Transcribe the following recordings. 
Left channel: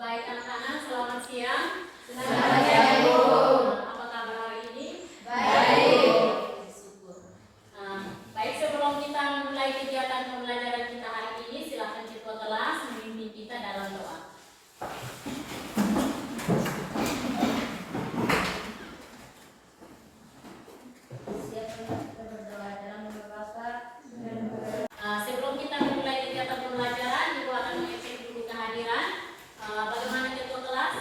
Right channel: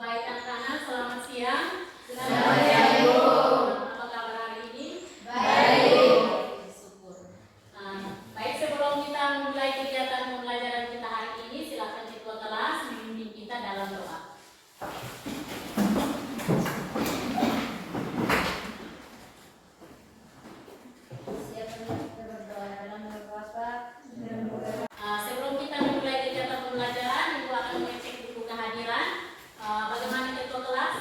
Baik anak-anak, selamat siang. Selamat siang, Ibu. Apa kabar hari ini? Baik. Syukur. Baik, sebelum kita memulai kegiatan pembelajaran kita hari ini, silakan ketua kelas memimpin kita dalam doa. Sebelum kita memulai kegiatan pembelajaran, Ibu akan mengecek dulu kehadiran. Bagaimana ketua kelas?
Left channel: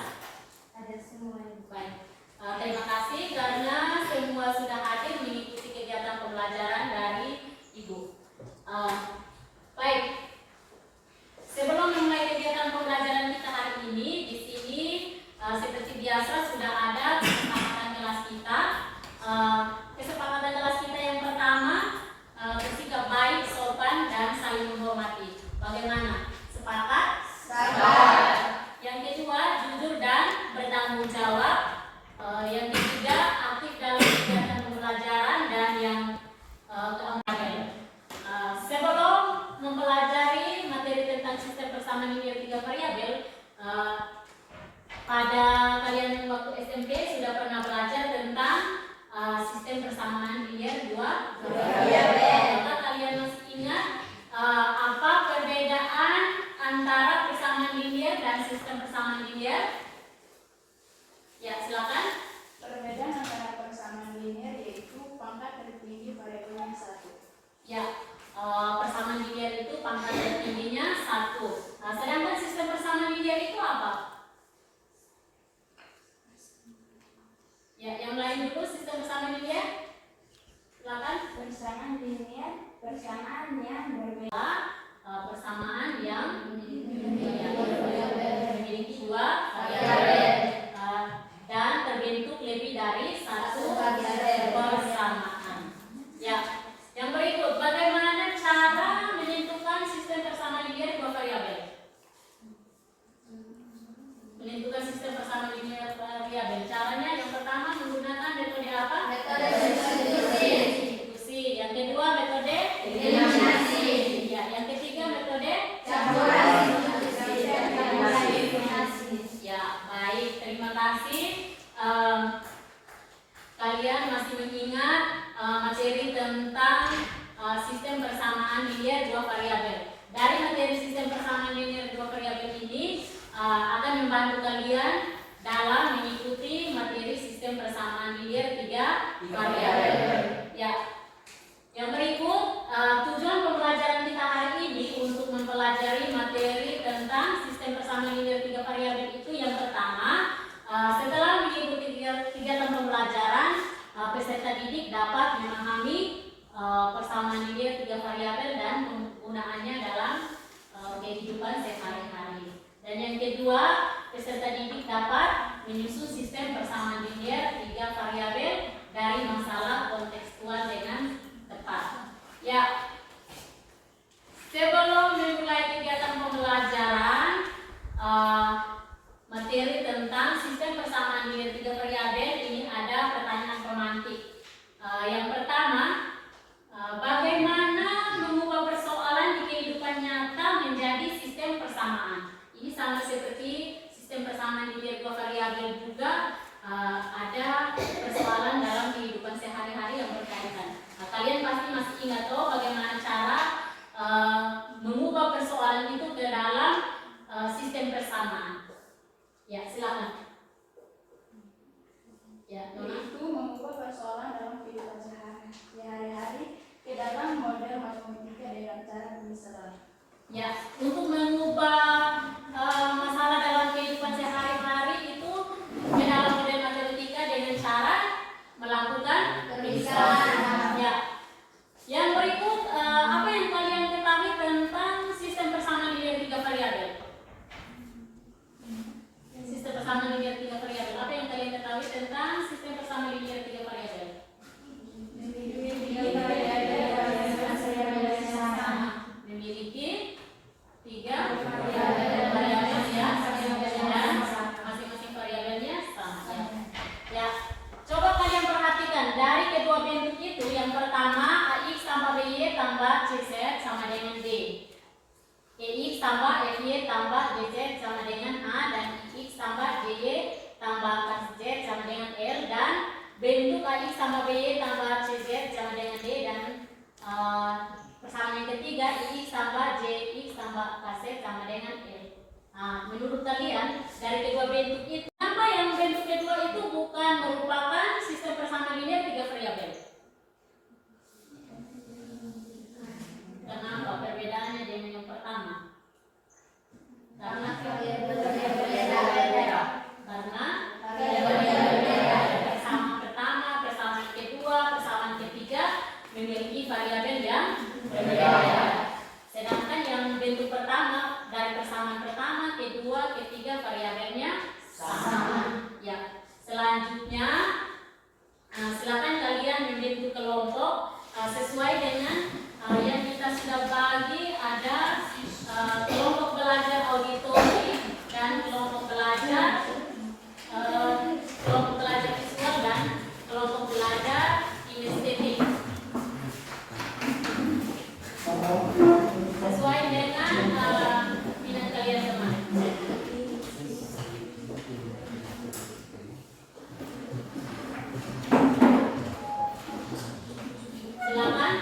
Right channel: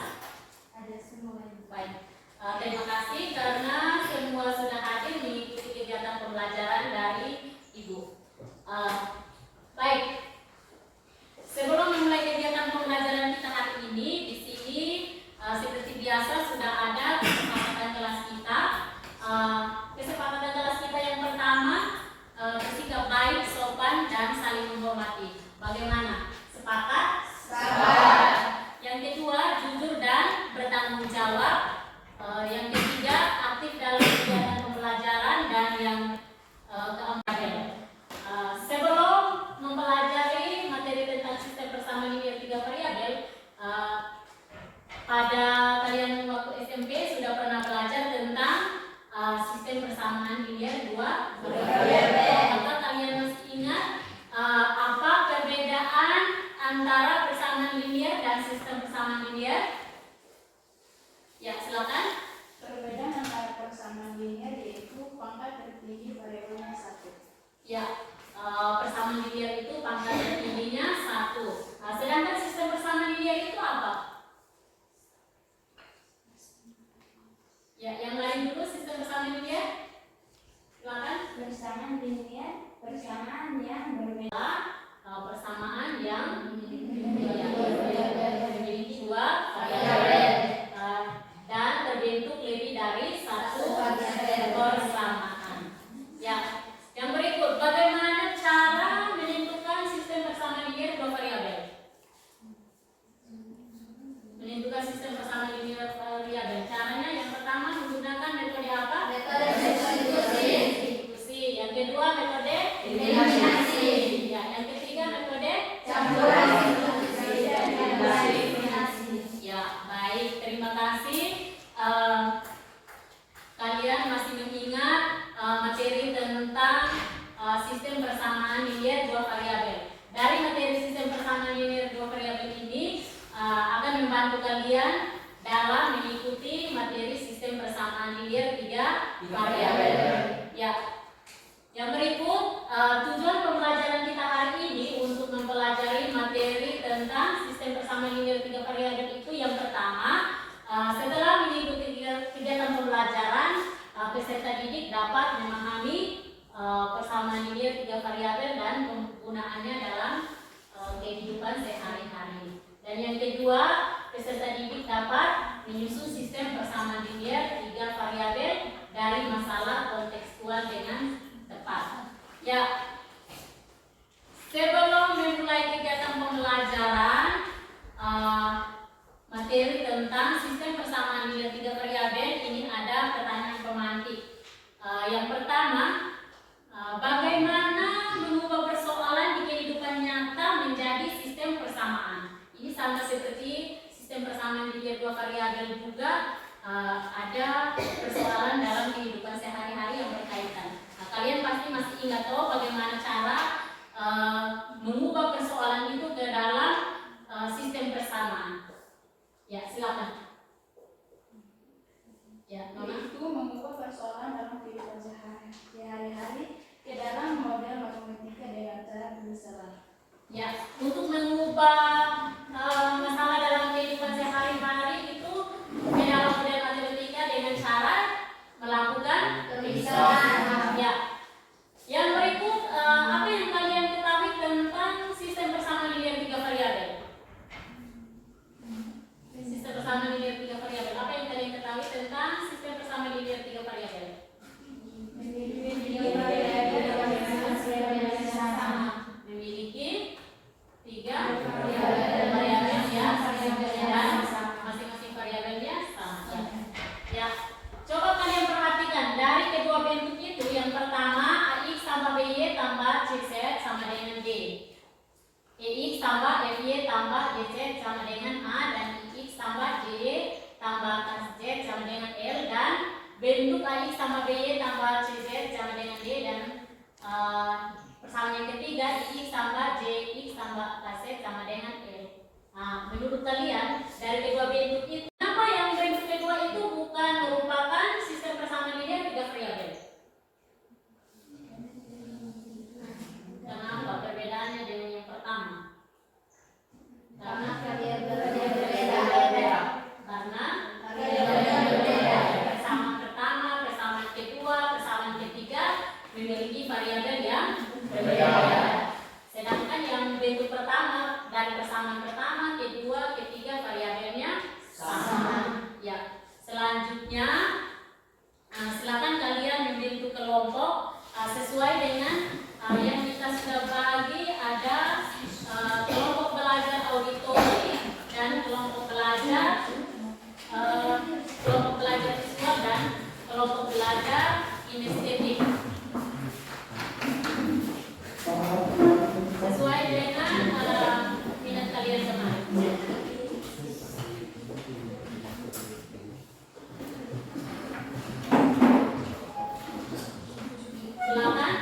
Ada semua. Baik. Terima kasih karena semua sudah hadir mengikuti kegiatan pembelajaran dari Ibu. Baik. Sebelum memulai kegiatan pembelajaran kita hari ini, di sini seperti biasa sudah ada kesepakatan kelas kita. Kesepakatan kelas kita yang pertama, bersikap baik, sopan, dan saling menghormati. Bagaimana? Sepakat? Sepakat. Yang kedua, jujur dan bertanggung jawab. Yang ketiga, aktif dalam kegiatan pembelajaran. Dan yang keempat, sebelum mempelajari materi tentang sistem persamaan linear 3 variabel, pada kalian waktu SMP sudah pernah belajar tentang sistem persamaan linear 2 variabel. Maka kalian masih ingat apa perbedaan antara persamaan linear dan sistem persamaan linear? Ya, silakan. Perbedaan antara persamaan linear yaitu pangkat tertinggi variabelnya 1. Ya, persamaan linear itu pangkat tertingginya 1. Sedangkan sistem persamaan linear itu apa? Ya, yang lain dulu sistem persamaan linear. Silakan. Persamaan linear, persamaan yang berbeda. Persamaan yang Memiliki memiliki 2 variabel dan terbentuk lebih dari 1 persamaan. Ya, yang berikut, bagaimana cara menentukan sistem persamaan linear 2 variabel? Menentukan sistem persamaan linear variabel. Caranya yang pertama menggunakan metode apa? Metode substitusi. Yang kedua metode eliminasi. Ya, yang ketiga metode Campuran Ya, baik, terima kasih. Kalian masih mengingat materi tentang sistem persamaan linear 2 variabel. Dari materi sistem persamaan linear 2 variabel ini akan membantu kalian dalam mengikuti materi sistem persamaan linear 3 variabel. Ya. Yang berikut, tujuan pembelajaran kita hari ini untuk mempelajari materi tentang sistem persamaan linear 3 variabel itu yang pertama, setelah mengikuti kegiatan pembelajaran, peserta didik dapat memahami persamaan linear 3 variabel dan penggunaannya dalam kehidupan sehari-hari. Dan yang kedua, peserta didik dapat menyusun sistem persamaan linear 3 variabel dari masalah kontekstual dengan tepat. Ya, sebelum memulai kegiatan pembelajaran materi tentang sistem persamaan linear 3 variabel, ini ada pertanyaan pemantik. Yang pertama, bagaimana mengubah persoalan di kehidupan nyata menjadi sistem persamaan? Ini sama seperti sistem persamaan linear 2 variabel juga, ada persoalan dalam kehidupan sehari-hari yang berkaitan. Kalian pasti masih ingat bagaimana cara mengubah persoalan itu ke dalam sistem persamaan. Ya, silakan. Ya, Yaitu mengubah persoalan dalam kehidupan sehari-hari ke dalam model matematika dengan cara pemisahan. Ya, untuk mengubah masalah dalam kehidupan sehari-hari itu ke dalam model matematika dengan cara melakukan pemisahan. Ya. Yang berikut, apa yang kalian ketahui tentang sistem persamaan linear 3 variabel? Sistem persamaan linear 3 variabel. Apa yang kalian ketahui tentang sistem persamaan linear 3 variabel? Memiliki 3 variabel tambah KZ sama dengan L, dan bentuk AX sama BY tambah CZ sama dengan D, dan persamaan yang ketiga IX tambah JX tambah KZ sama dengan L. Nah, menurut kalian dari kedua bentuk itu, apa yang bentuk kedua itu bukan merupakan sistem persamaan linear tiga variabel? Kenapa perbedaannya dengan yang pertama? Karena variabelnya berbeda. Karena variabelnya berbeda. Persamaan pertama, persamaan kedua, persamaan ketiga memiliki variabel yang berbeda. Sedangkan yang bentuk pertama dari persamaan pertama, kedua, ketiga variabelnya sama. Ya. Selanjutnya, silakan kalian membentuk kelompok sesuai dengan yang kita sudah bagi. Ada kelompok belajar auditori dan kelompok belajar visual dan kelompok belajar kinestetik. Sesuai dengan minat kalian kemarin. Silakan.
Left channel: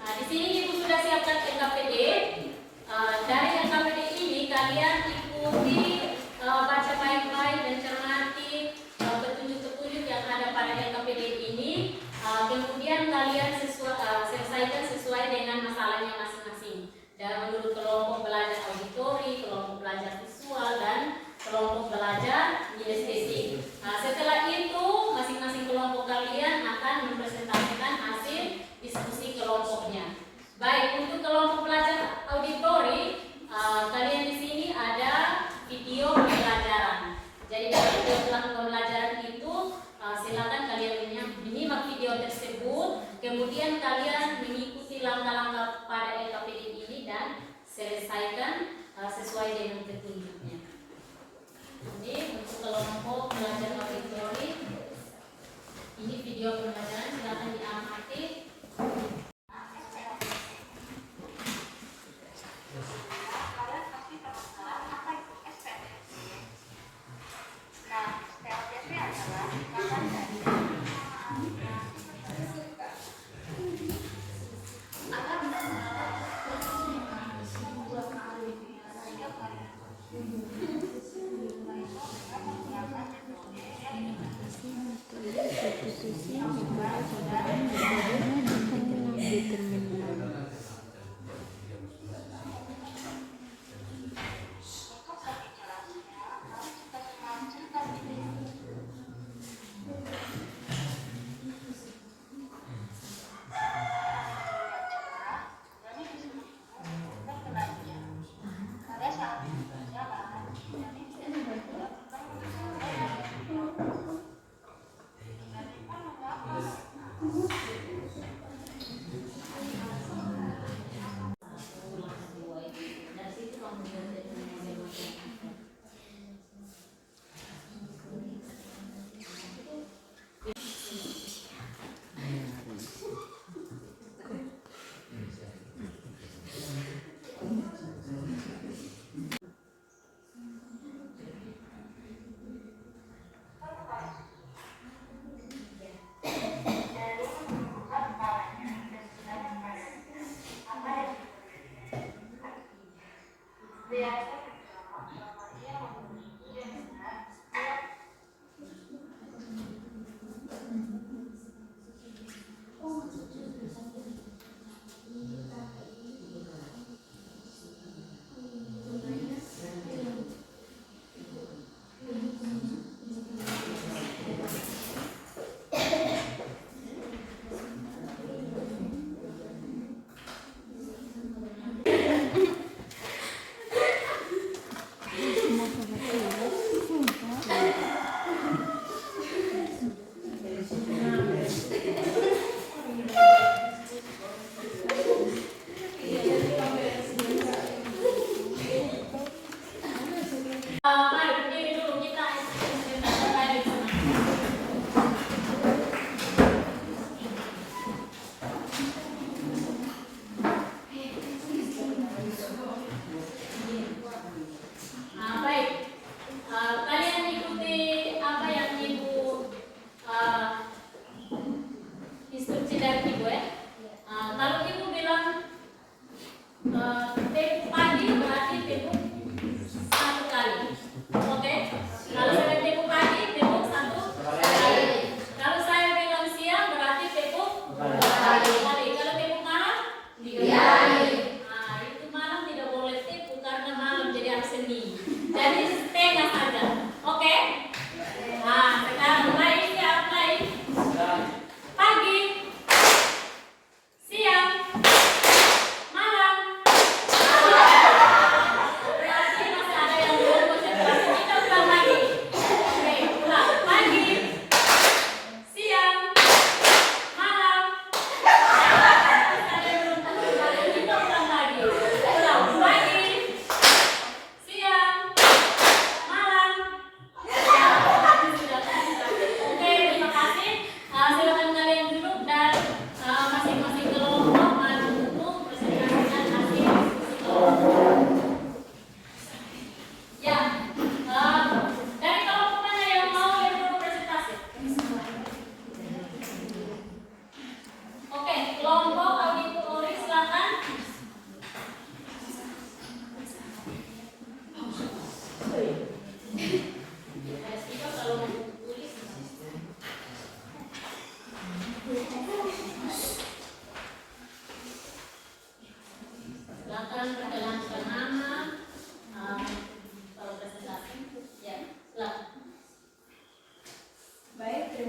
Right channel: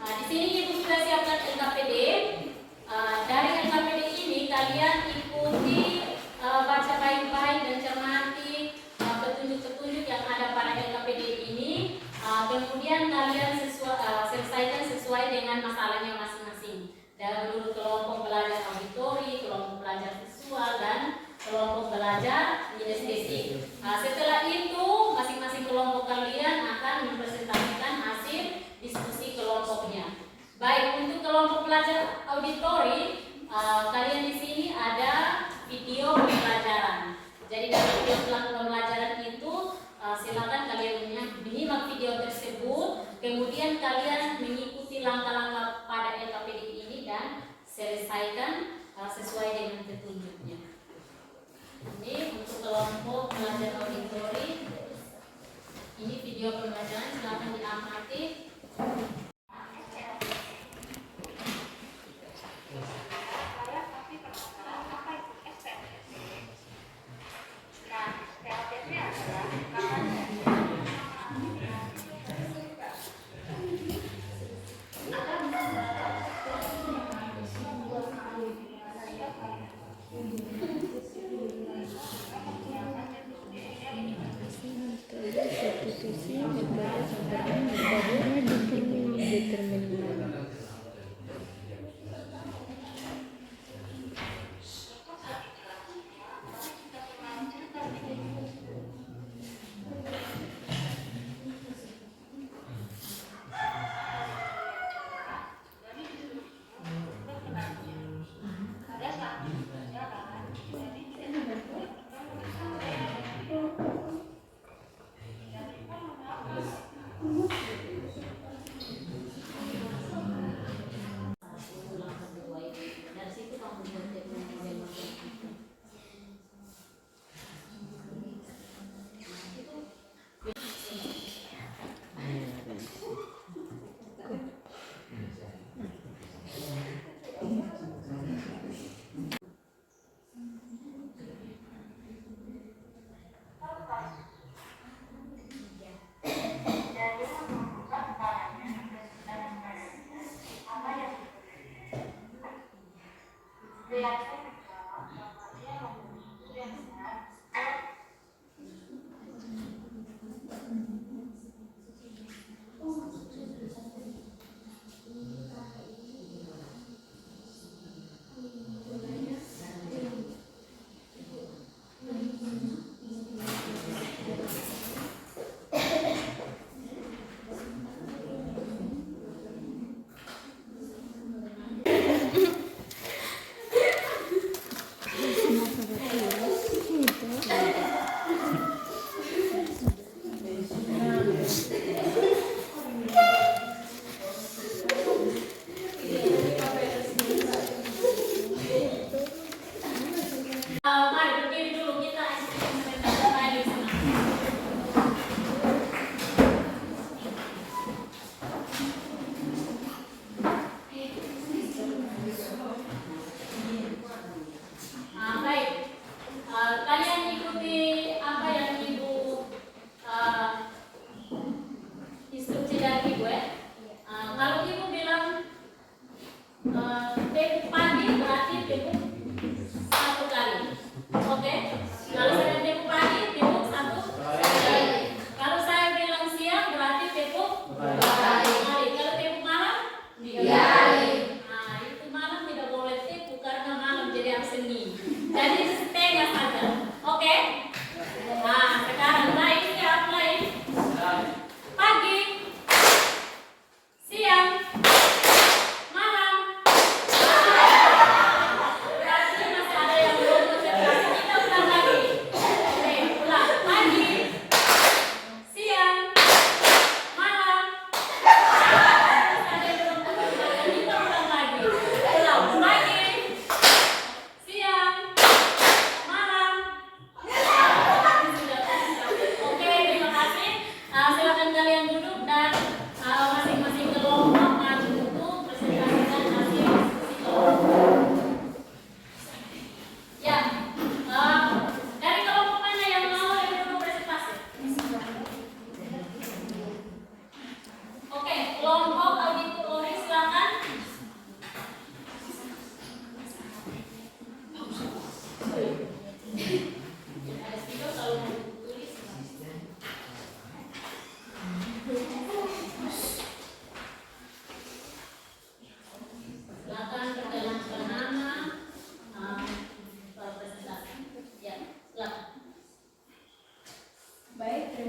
Di sini Ibu sudah siapkan LKPD. Dari LKPD ini kalian ikuti, baca baik-baik dan cermati petunjuk-petunjuk yang ada pada LKPD ini. Kemudian kalian selesaikan sesuai dengan masalahnya masing-masing. Dan menurut kelompok belajar auditori, kelompok belajar visual, dan kelompok belajar kinestetik. Setelah itu masing-masing kelompok kalian akan mempresentasikan hasil diskusi kelompoknya. Baik, untuk kelompok belajar auditori, kalian di sini ada video pembelajaran. Jadi dari video pembelajaran itu silakan kalian menyimak video tersebut, kemudian kalian mengikuti langkah-langkah pada LKPD ini dan selesaikan sesuai dengan petunjuknya. Ini untuk kelompok belajar auditori, ini video pembelajaran, silakan diamati. Kalian pasti penasaran apa itu SPSS. Nah, SPSS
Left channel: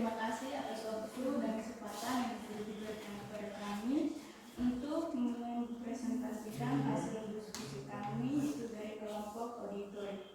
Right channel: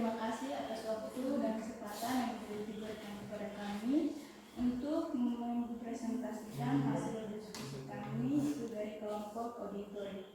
terima kasih atas waktu dan kesempatan yang diberikan kepada kami untuk mempresentasikan hasil diskusi kami itu dari kelompok auditor.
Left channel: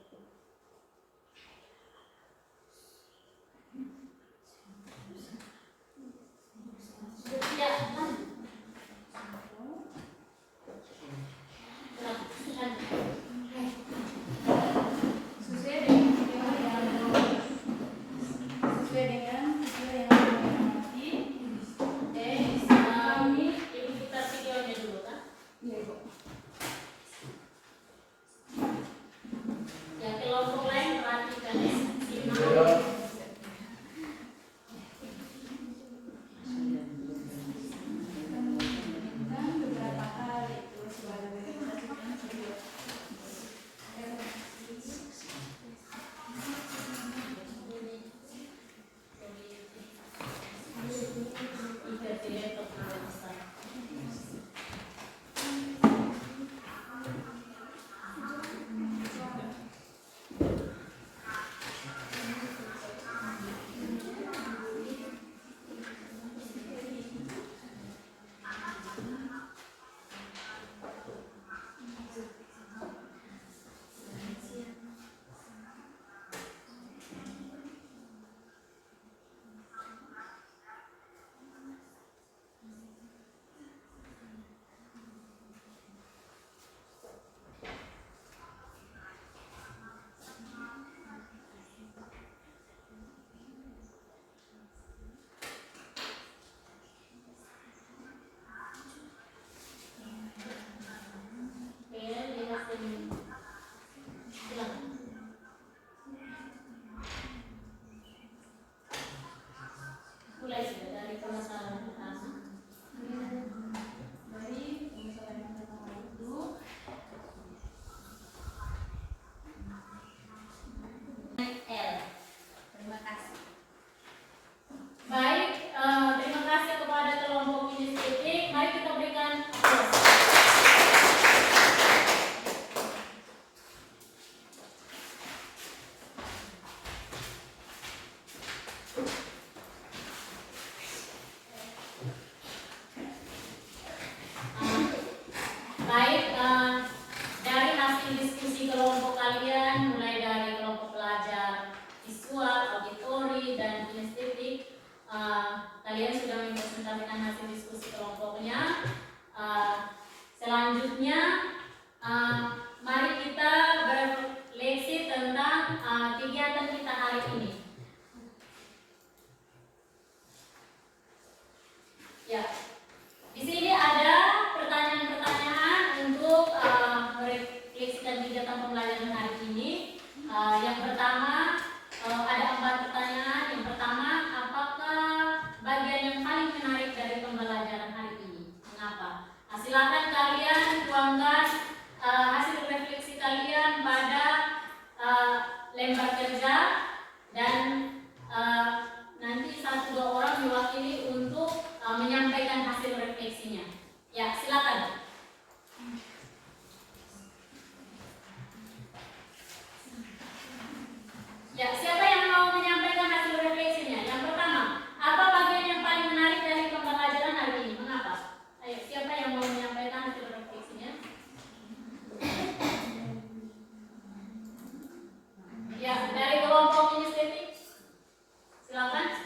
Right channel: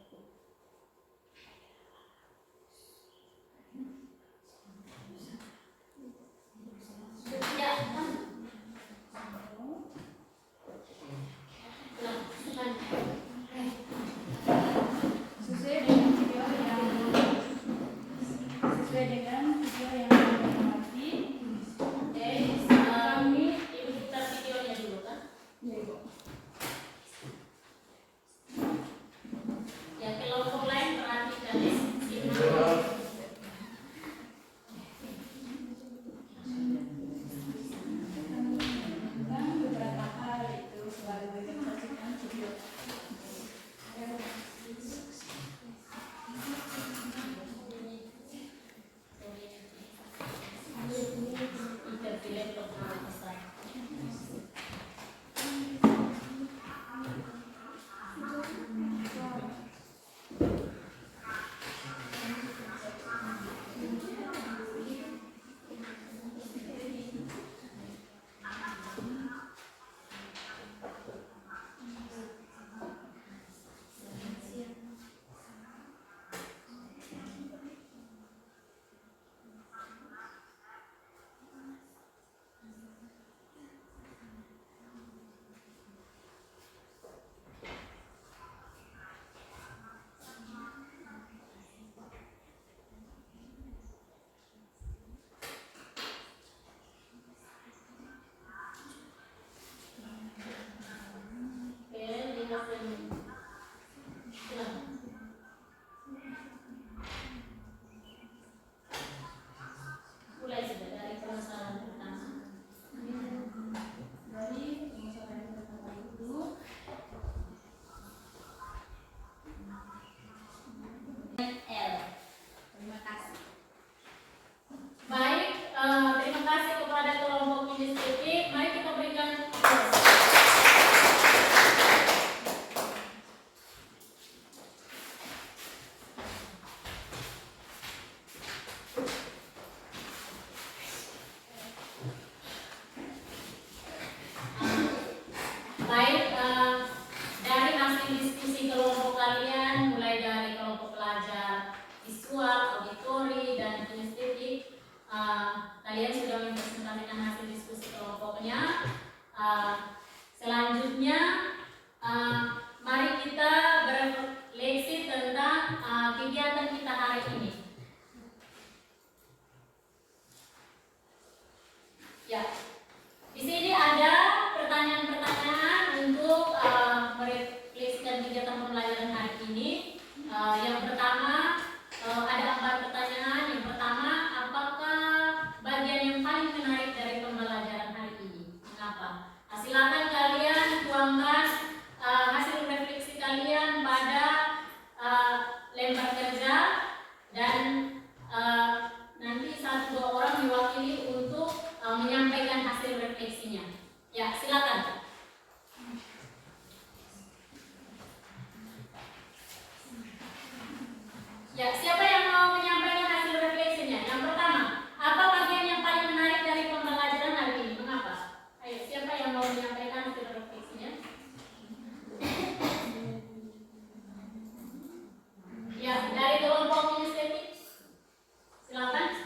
Mulai sudah dari permasalahan pertama. Dari permasalahan pertama itu L. Terima kasih. Baik, terima kasih kepada kelompok inisiatif. Mari kita berikan aplaus. Baik, dari hasil diskusi kelompok kalian, mulai dari kelompok pelajar visual, auditori, dan kinestetik, kalian sudah mempresentasikan hasil diskusi kelompoknya. Selanjutnya, mari kita berefleksi tentang kegiatan kita hari ini. Ya, di sini ada pertanyaan-pertanyaan untuk merefleksikan kegiatan pembelajaran hari ini. Yang pertama, ada 4 pertanyaan. Yang pertama, apakah bagian yang paling menarik dari pembelajaran hari ini? Mengapa? Silakan kalian tuangkan hasil refleksi kalian pada lembar kerja dan nanti 1-2 orang diwakili untuk menyampaikan hasil refleksinya. Ya, silakan. Ya, siapa yang mau menyampaikan hasil refleksinya? Yang pertama, apa bagian yang paling menarik dari pembelajaran hari ini? Mengapa? Ayo, siapa yang mau menyampaikan hasil refleksinya? Ya, dari kelompok inisiatif. Silakan.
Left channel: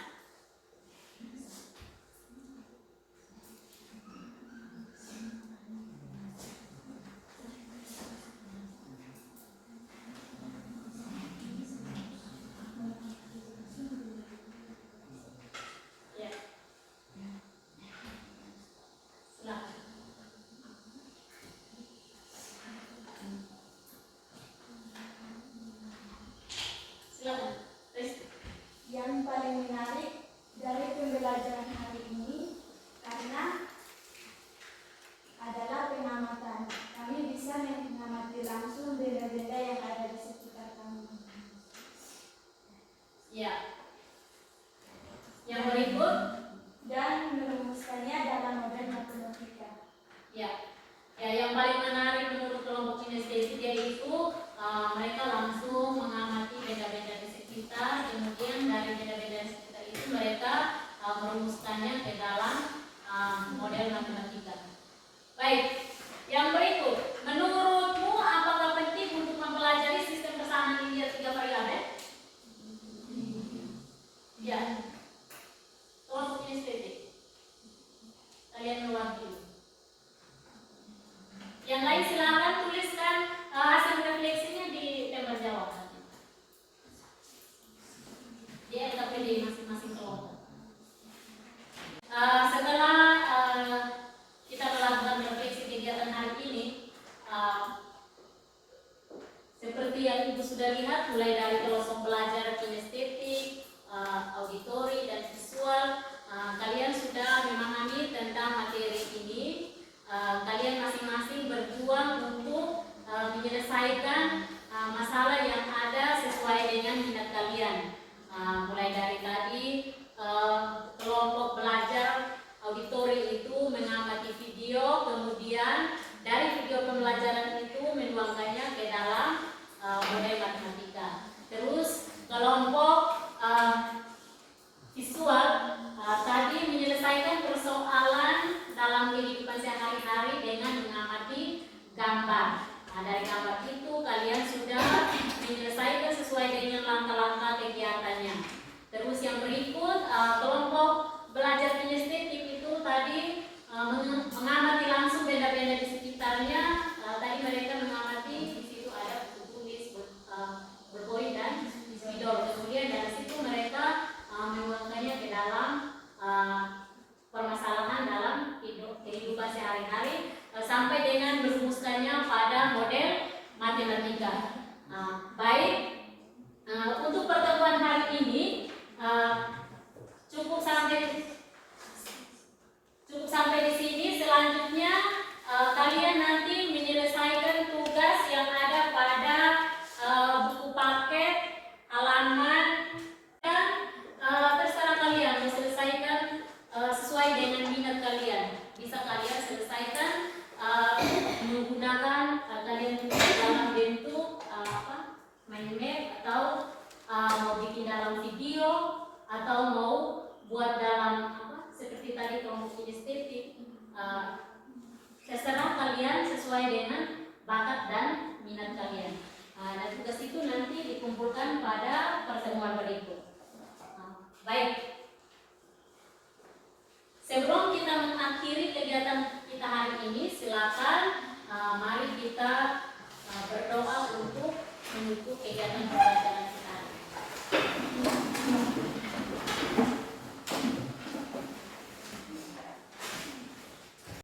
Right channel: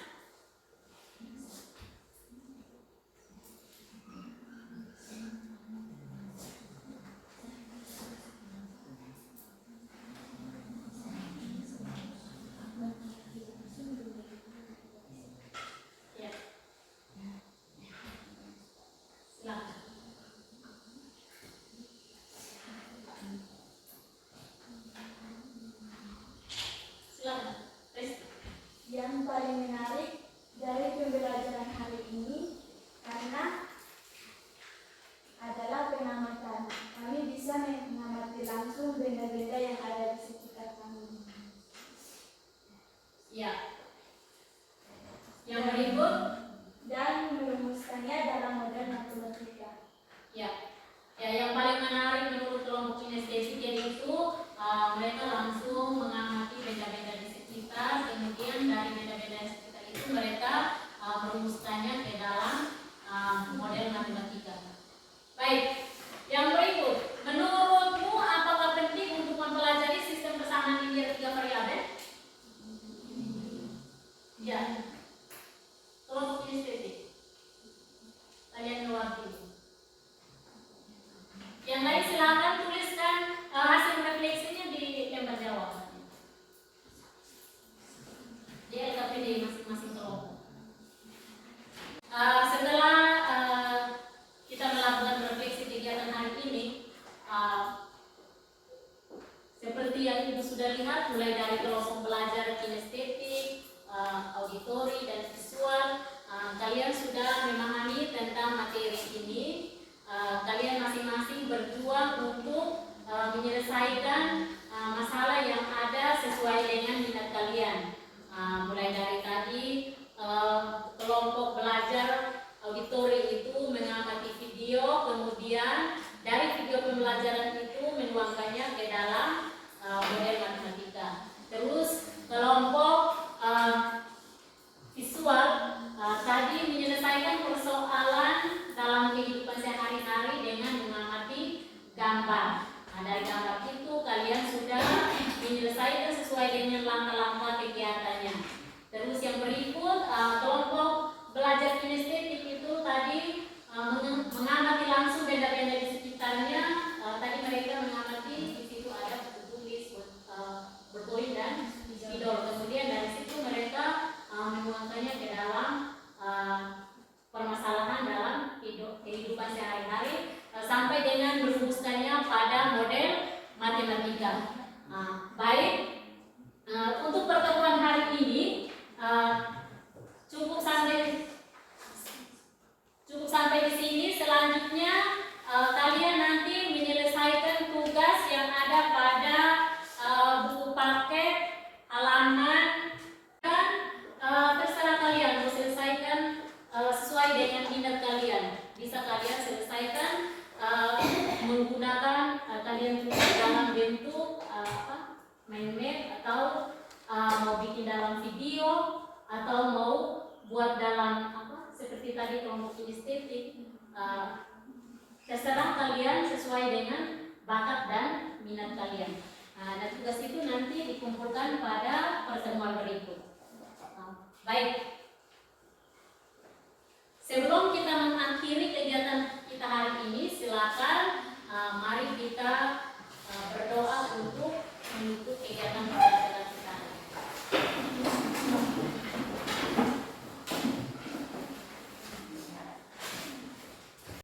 dari kelompok belajar kinestetik, auditori dan visual. Kalian sudah memahami tentang materi ini. Kalian masing-masing berjuang untuk menyelesaikan masalah yang ada sesuai dengan minat kalian. Mulai dari tadi kelompok belajar auditori itu mengamati video, kemudian dari video pembelajaran itu menuangkannya ke dalam model matematika. Terus kelompok visual tadi menyelesaikan persoalan dalam kehidupan sehari-hari dengan mengamati gambar. Dari gambar itu kalian sudah menyelesaikan sesuai dengan langkah-langkah kegiatannya. Terus yang berikut kelompok belajar kinestetik itu tadi mengamati langsung benda-benda di sekitarnya. Tadi mereka mengamati di situ ada buku tulis, berpoin dan spidol. Kemudian dari situ mereka menuangkannya ke dalam permasalahan dalam kehidupan sehari-hari sampai dengan merumuskannya pada model matematika. Baik, untuk pertemuan hari ini cukup sampai di sini. Selanjutnya kalian nanti menyelesaikan tugas yang ada pada buku paket halaman dan terserah kalian mau selesaikan sesuai dengan minat kalian. Bisa kalian selesaikan menggunakan kalian tulis dalam bentuk mind map atau mau bikin dalam video atau mau buat dalam seperti tadi kelompok kinestetik. Terserah kalian sesuai dengan bakat dan minat kalian. Dan tugas itu nanti dikumpulkan pada pertemuan berikut. Baik. Sebelum kita mengakhiri kegiatan kita hari ini, silakan mari kita berdoa untuk menutup kegiatan pembelajaran kita.